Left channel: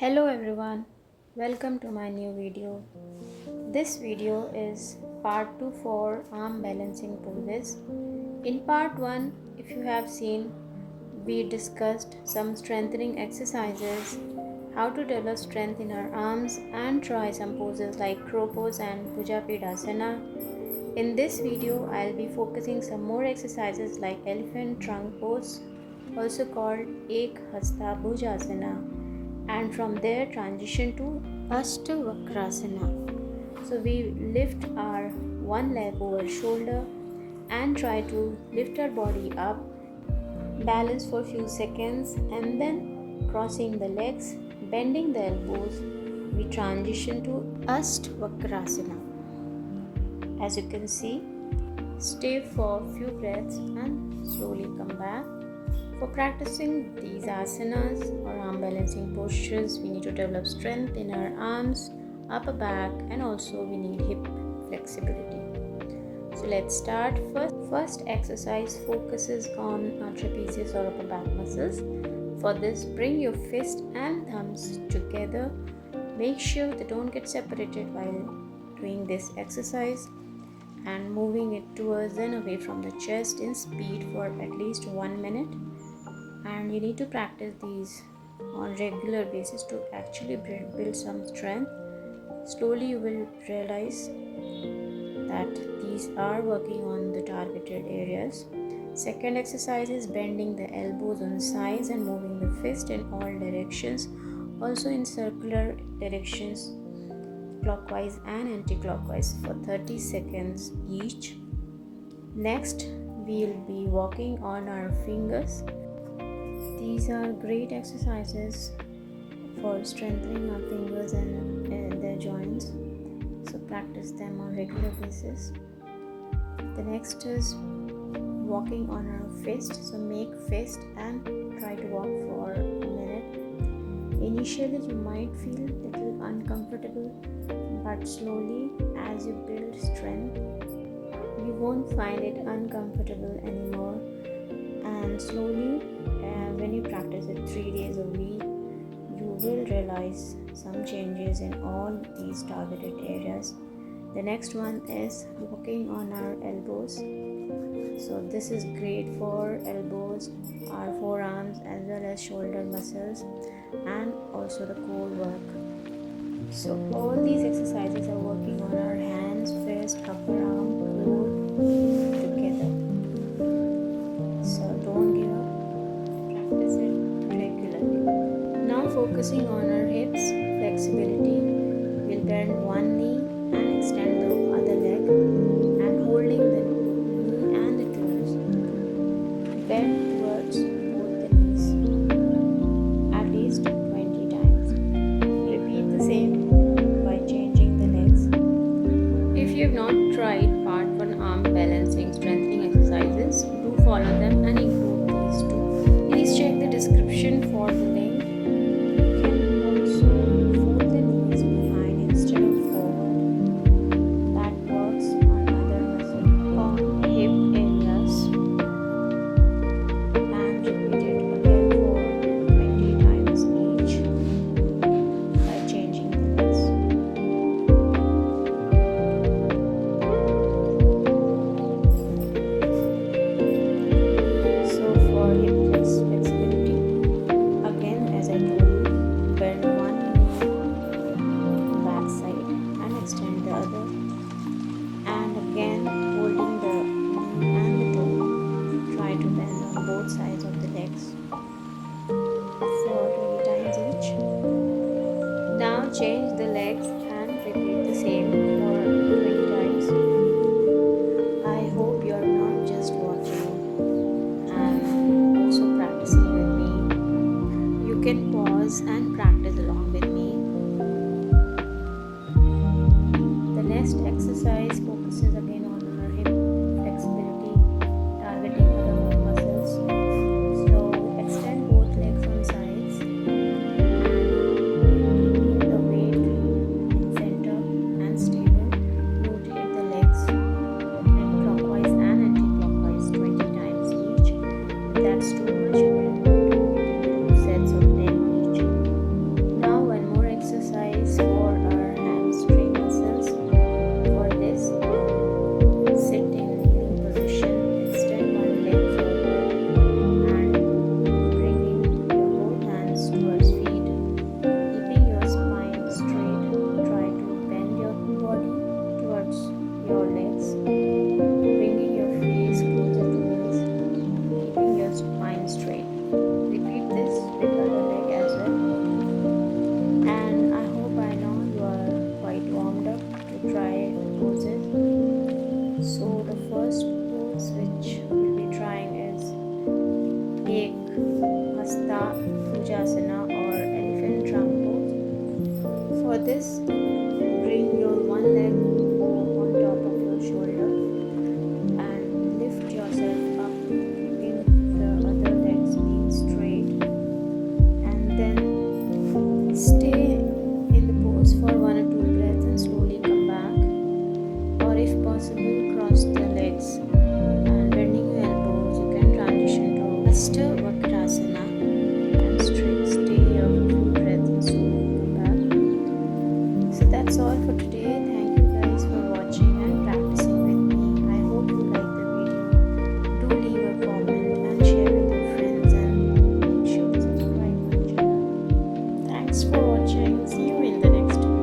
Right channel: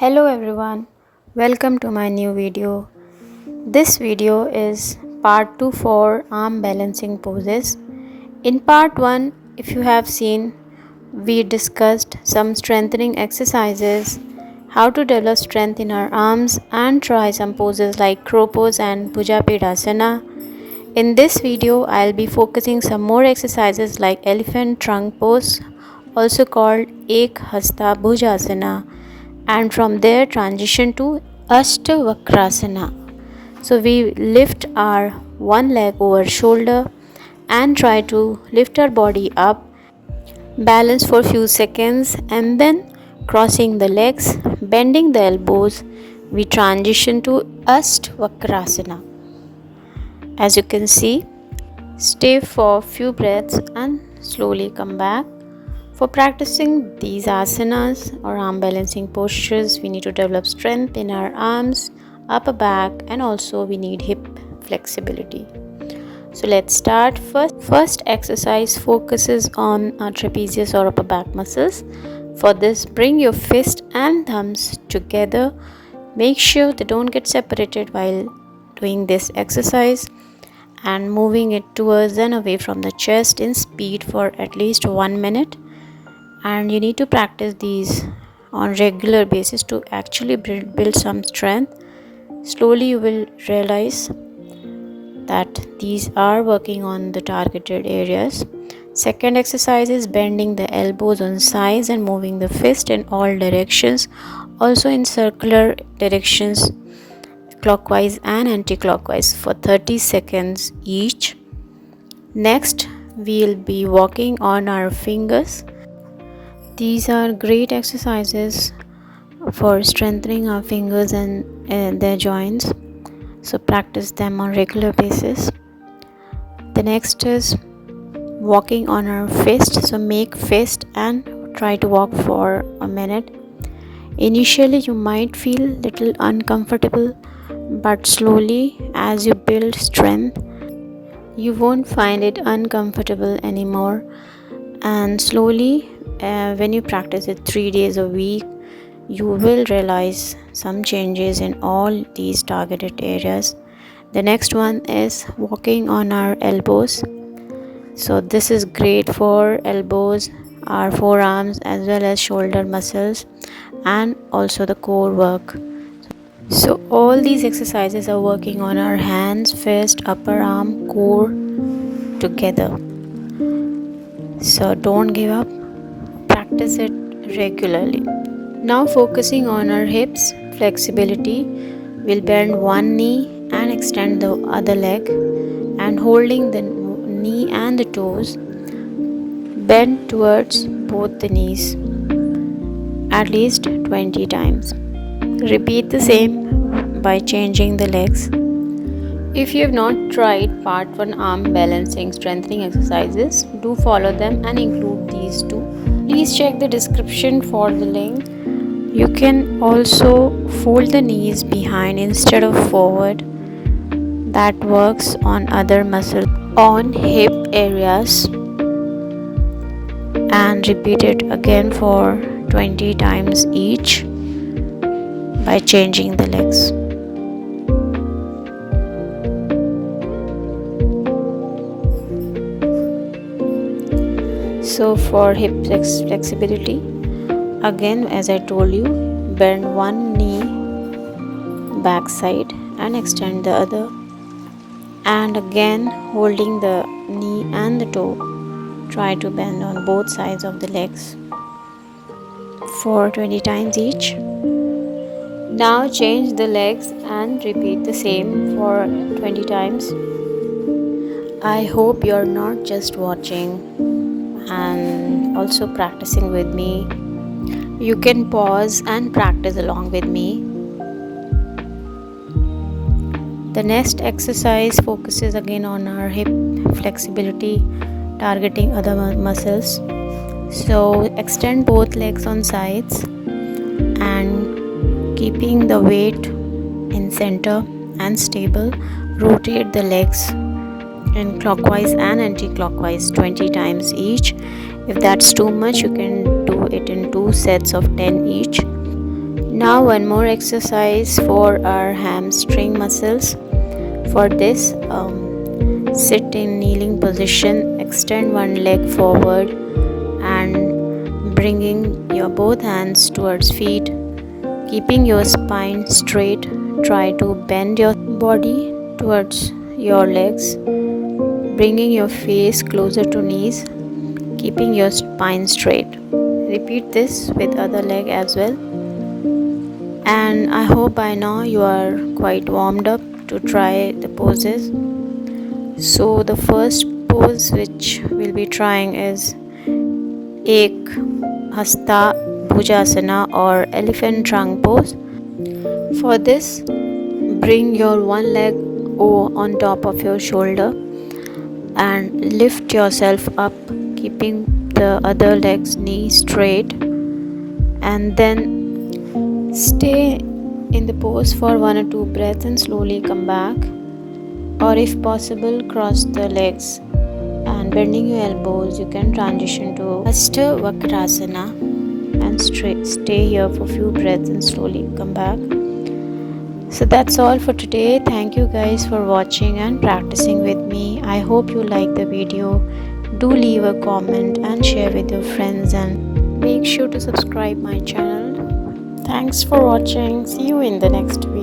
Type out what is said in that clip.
Hello everyone, welcome to my new video. This video is part 2 for arm balancing poses. In part 1, if you have seen, we discussed some strengthening exercises, how to develop strength in our arms and try some poses like crow pose and bhujapedasana. In this video, I'll be focusing some more exercises like elephant trunk pose, also called Ek Hasta Bhujasana, and from there transition to Ashtavakrasana. So we lift our one leg over shoulder and try to lift our body up, balance for a few seconds, and then crossing the legs, bending the elbows, we transition to Ashtavakrasana. As you can see, stay for a few breaths and slowly come back. For practicing these asanas or arm balancing postures, we need to develop strength in our arms, upper back, and also we need hip flexibility. So let's start. First exercise focuses on our trapezius or upper back muscles. For this, bring your fist and thumbs together. Make sure they don't get separated while doing this exercise, and moving it towards and away from the chest in speed for at least 1 minute. And you need to practice these on regular basis to actually build some strength. Slowly you will realize that these are working on the targeted areas. Second exercise is bending the elbows on sides and moving the fist in all directions, also in circular directions, clockwise and anti-clockwise for 30 seconds each. Next, we'll be walking on our fingers. These are great exercises for strengthening our fingers and their joints, so practice them on regular basis. The next is walking on our fist. So make fist and try to walk for a minute. Initially you might feel little uncomfortable, but slowly as you build strength, you won't find it uncomfortable anymore. And slowly when you practice it 3 days a week, you will realize some changes in all these targeted areas. The next one is walking on our elbows. So this is great for elbows, our forearms, as well as shoulder muscles, and also the core work. So all these exercises are working on our hands, fist, upper arm, core together. So don't give up, practice it regularly. Now focusing on our hips flexibility, we'll bend one knee and extend the other leg, and holding the knee and the toes, bend towards both the knees at least 20 times. Repeat the same by changing the legs. If you have not tried part 1 arm balancing strengthening exercises, do follow them and include these too. Please check the description for the link. You can also fold the knees behind instead of forward. That works on other muscles on hip areas. And repeat it again for 20 times each by changing the legs. So for hip flexibility, again as I told you, bend one knee back side and extend the other, and again holding the knee and the toe, try to bend on both sides of the legs for 20 times each. Now change the legs and repeat the same for 20 times. I hope you're not just watching and also practicing with me. You can pause and practice along with me. The next exercise focuses again on our hip flexibility, targeting other muscles. So extend both legs on sides and keeping the weight in center and stable, rotate the legs in clockwise and anti-clockwise 20 times each. If that's too much, you can do it in 2 sets of 10 each. Now one more exercise for our hamstring muscles. For this, sit in kneeling position, extend one leg forward and bringing your both hands towards feet, keeping your spine straight. Try to bend your body towards your legs, bringing your face closer to knees, keeping your spine straight. Repeat this with other leg as well. And I hope by now you are quite warmed up to try the poses. So the first pose which we'll be trying is Ek Hasta Bhujasana or elephant trunk pose. For this, bring your one leg on top of your shoulder and lift yourself up, keeping the other leg's knee straight, and then stay in the pose for 1 or 2 breaths and slowly come back, or if possible cross the legs and bending your elbows. You can transition to Hasta Vakrasana and stay here for a few breaths and slowly come back. So that's all for today. Thank you guys for watching and practicing with me. I hope you like the video. Do leave a comment and share with your friends, and make sure to subscribe my channel. Thanks for watching. See you in the next video.